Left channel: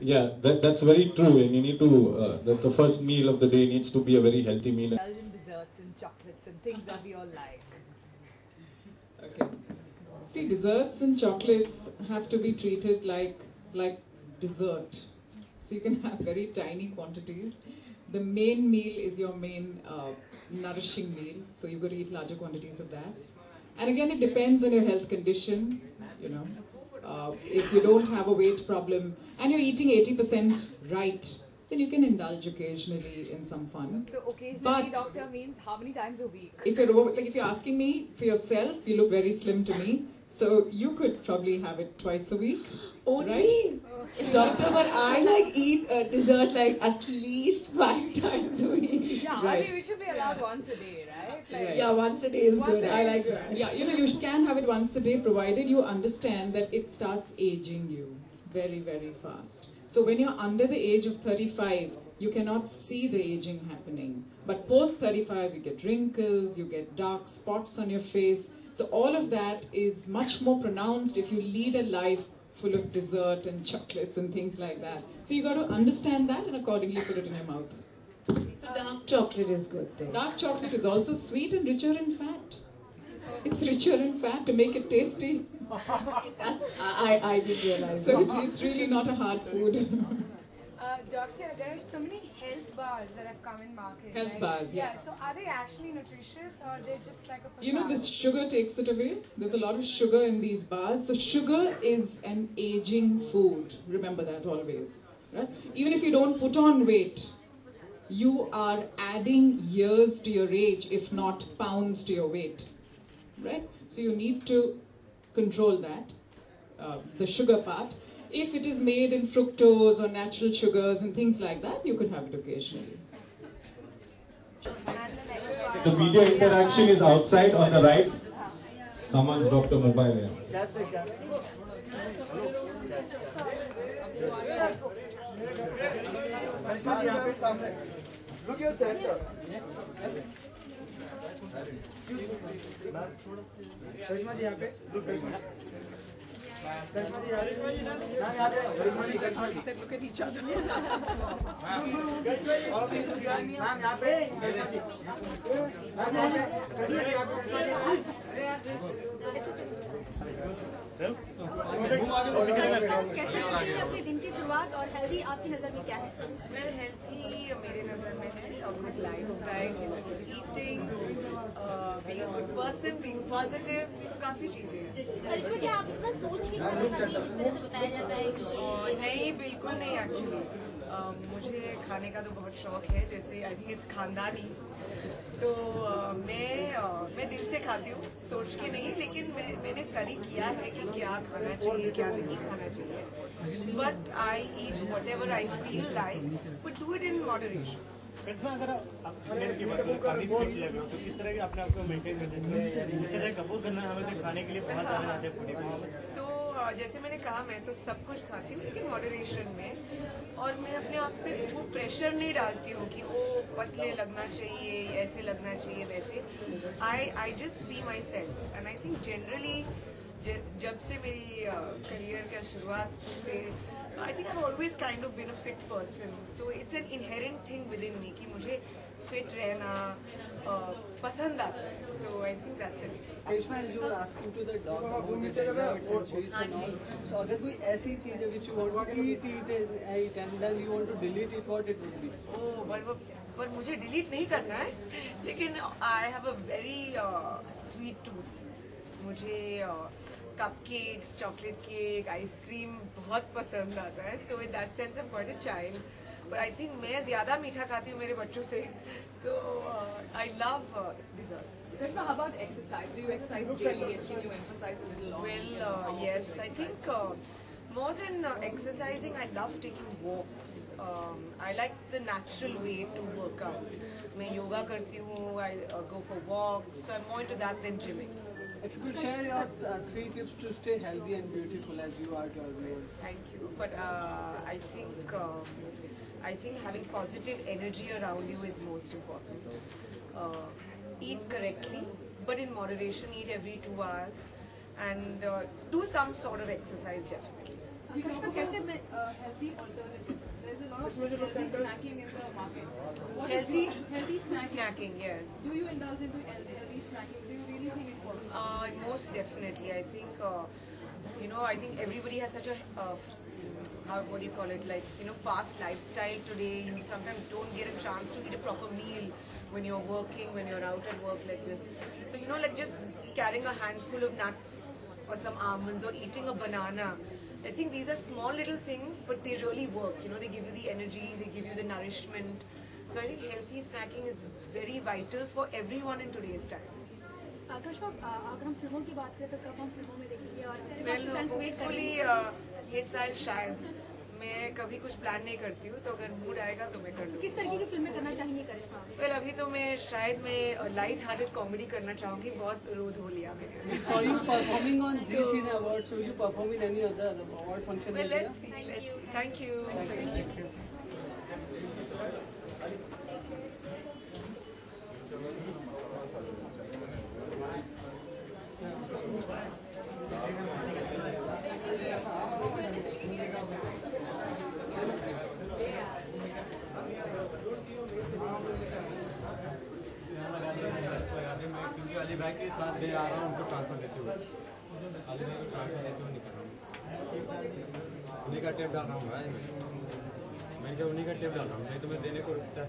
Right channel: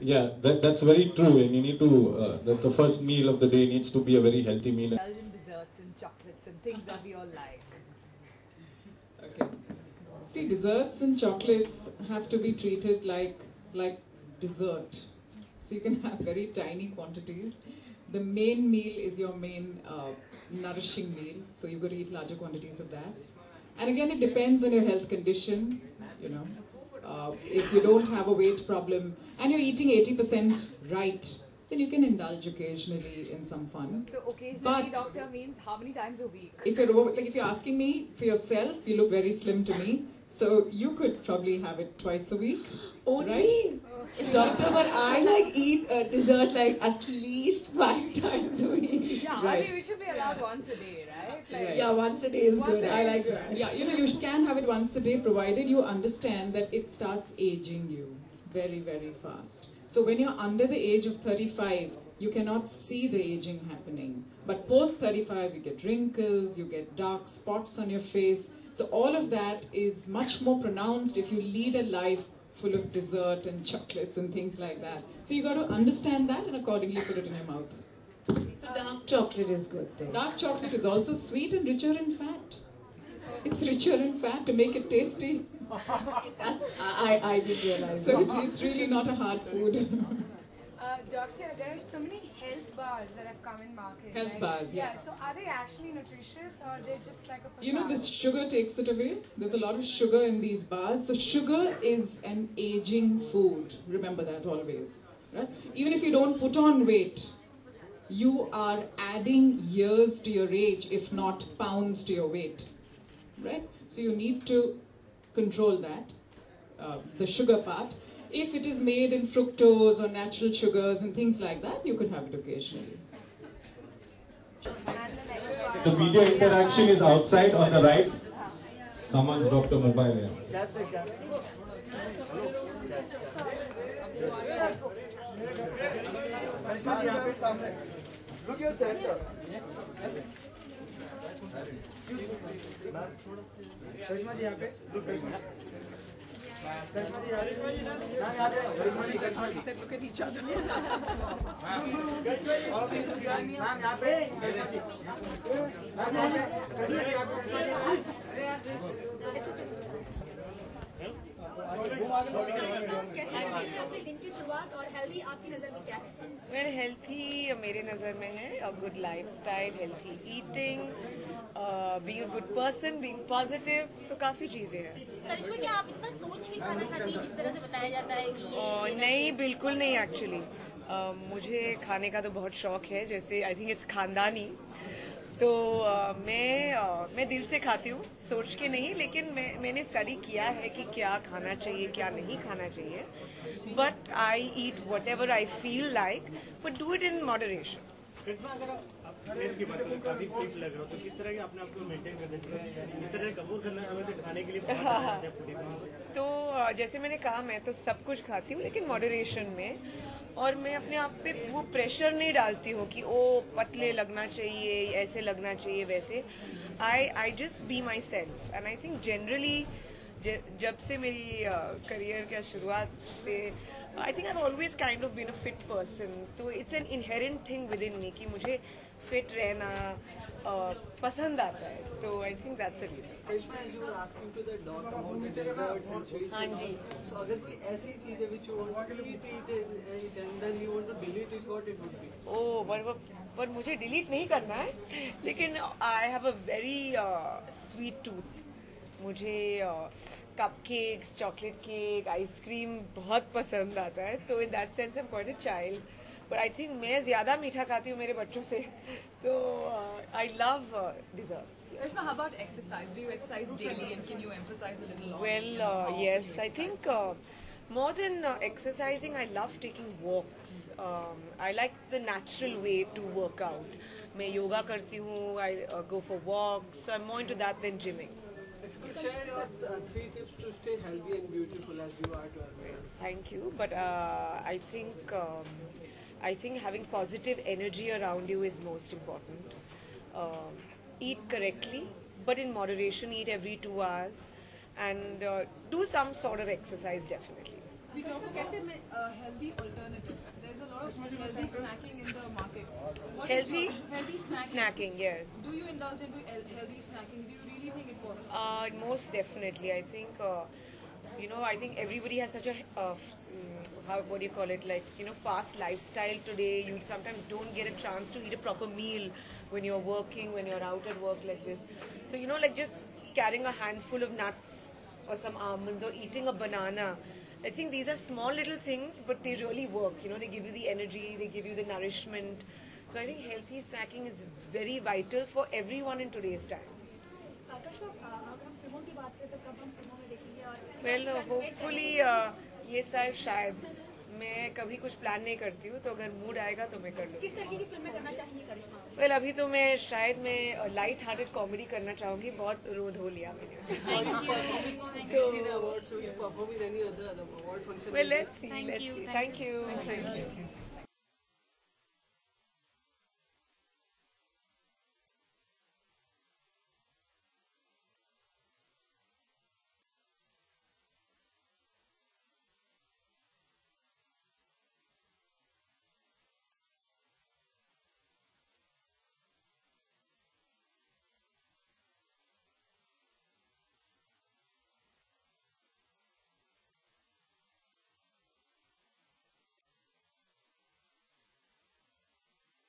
Yeah, that's very true, and you need to, the first meal of the day needs to be a very healthy meal. Indulge in desserts and chocolates and things that we all like. Okay. See, desserts and chocolates have to be treated like dessert. So you can have very tiny quantities. The main meal is your main nourishing meal. So you've got to eat larger quantities of that. And again, it depends on your health condition, you know. If you don't have a weight problem and you're eating 80% right, then you can indulge occasionally in some fun. So occasionally, But doctor, means how many times a week? if you're asking me for yourself, you look very slim to me. So you could probably have it twice a week. Only, right? doctor, but I like eat dessert like at least 5 times a week. Yeah, Right. I mean we should be allowed once a day, right? Like, Right. Yeah, once a day is Once good. a I day like is that. Yeah, you know, you can have it once a day provided you understand that it starts aging you very, very fast. So when you're under the age of 35, you cannot see the aging happening. But post 35, you get wrinkles, you get dark spots on your face. So all of that is much more pronounced if you lead a life full of dessert and chocolates and things like that. So you got to understand that and accordingly put it in your mouth. So dark chocolate is good then. Dark chocolate is also sweet and richer in fat. It's richer in fat to make it tasty. I didn't realize So that. it's really not a hard food. Doctor, there are so many health bars that have come in market. Health right? bars, yeah. So are they actually nutritious or they're just like a facade? You know, this sugar takes it away. There's a lot of sugar in these bars. So sugar is an aging food. Remember that always. Right? Even if you don't put on weight, you are adding years to your age, if not pounds to your weight. Right? So you need to control that, the sugar part. If it is made in fructose or natural sugars and things like that, you could have it occasionally. The video interaction is outside on the right. Someone's dropped a mobile here. That's exactly. Look your center. करिश्मा जी यहाँ पे look करिश्मा जी यहाँ पे ma'am यहाँ पे करिश्मा जी Said, look at each other. Ma'am यहाँ पे करिश्मा जी ma'am यहाँ पे कैसे रखते हैं अपने दिन की शुरुआत और हेल्दी आपकी नज़र में क्या है? वेल हेल्थी मेरे नज़र में है a good lifestyle, healthy eating, being a good person, being positive, तो काफ़ी चीज़ें हैं। करिश्मा, क्या आप इतना सोच के खाना खाती हैं जिस तरह से बताया जाता है कि ये नहीं, बिल्कुल नहीं एक्चुअली। मुझे खाने का तो बहुत शौक है, जैसे आई थिंक इट्स खानदानी। तो मैं दिल से खाती हूँ, सोच के नहीं, लेकिन मैंने स्टडी किया है कि क्या खाना चाहिए, क्या नहीं खाना चाहिए। But I eat what ever I feel like, but do it in moderation. अगर आप काफी फिट लग रहे हो तो किस तरह अपने आप को मेंटेन कर देते हैं? इस तरह कपूर करना हमें तो खाने के लिए तो जैसे मैंने कहा, मैं तो सब कुछ खाती हूँ लेकिन मॉडरेशन में, और मैं अपने आप पे वो प्रेशर नहीं डालती हूँ कि ओ पतले लगना चाहिए, ऐसे लगना चाहिए, वैसे। I just be myself and I think generally जब से मेरी करियर का शुरुआत से I think I always kind of been a fit person, तो it's an inherent thing within me कि मुझे फिट रहना पसंद आता है, तो I think that's a reason. Karishma, as you were asking to the dog about the desserts and sweets and all, so अगर कोई ऐसी चीज है which you want to eat and then you want to delete it, what it would be? पर मुझे delete नहीं करना है, लेकिन I have a very sweet tooth. मुझे कपकेक्स, चॉकलेट केक, आइसक्रीम बहुत पसंद आता है, तो in that sense I am quite a child, but I think मैं ज्यादा मीठा खाती हूँ मेरे बच्चों से, तो I love desserts. Karishma, how about exercise? Do you exercise daily and can you emphasize a little on Well, yes, I think more than exercising, I love taking walks. I like the natural way to work out. मैं योगा करती हूँ, I go for walks, so I'm more into that than gymming. If you could share your 3 tips to stay healthy and beautiful as you are to our viewers. Thank you, but I think having positive energy around you is most important. Eat correctly, but in moderation. Eat every 2 hours, and do some sort of exercise definitely. Karishma, कैसे healthy alternatives. There's a lot of healthy snacking in the market. What is Healthy? your healthy snacking? Snacking, yes. Do you indulge into healthy snacking? Do you really think it works? Most definitely. I think, I think everybody has such a, what do you call it, like, fast lifestyle today. You sometimes don't get a chance to eat a proper meal when you're working, when you're out at work like this. So, like just carrying a handful of nuts or some almonds or eating a banana. I think these are small little things, but they really work. They give you the energy, they give you the nourishment. So I think healthy snacking is very vital for everyone in today's time. आकाश अगर हम फिल्मों की बात करें तो कब हम फिल्मों में देखेंगे और Well, hopefully ये साल शायद मैं कभी कुछ प्लान नहीं करती हूँ, तो अगर मूड आएगा तो मैं कर लूँगी. किस तरीके की फिल्में करना चाहेंगे करिश्मा? Well, अभी तो मैं लाइट हार्टेड कॉमेडी करना चाहूँगी. बहुत रोध हो लिया मैंने. So you performing on Zee Cine Awards? So you perform in any other award function? Well, let's see. Thank you. अलीबाई के साथ ले आ रहा हूँ, उनको ट्रांसफर देते हुए अलीबाई को ट्रांसफर देते हुए निकल रहा हूँ. उन्हीं का टेप डाल रहा हूँ भाई. मैं क्या उन्हीं का टेप डाल रहा हूँ, नहीं तो मैं देने को रुकता है.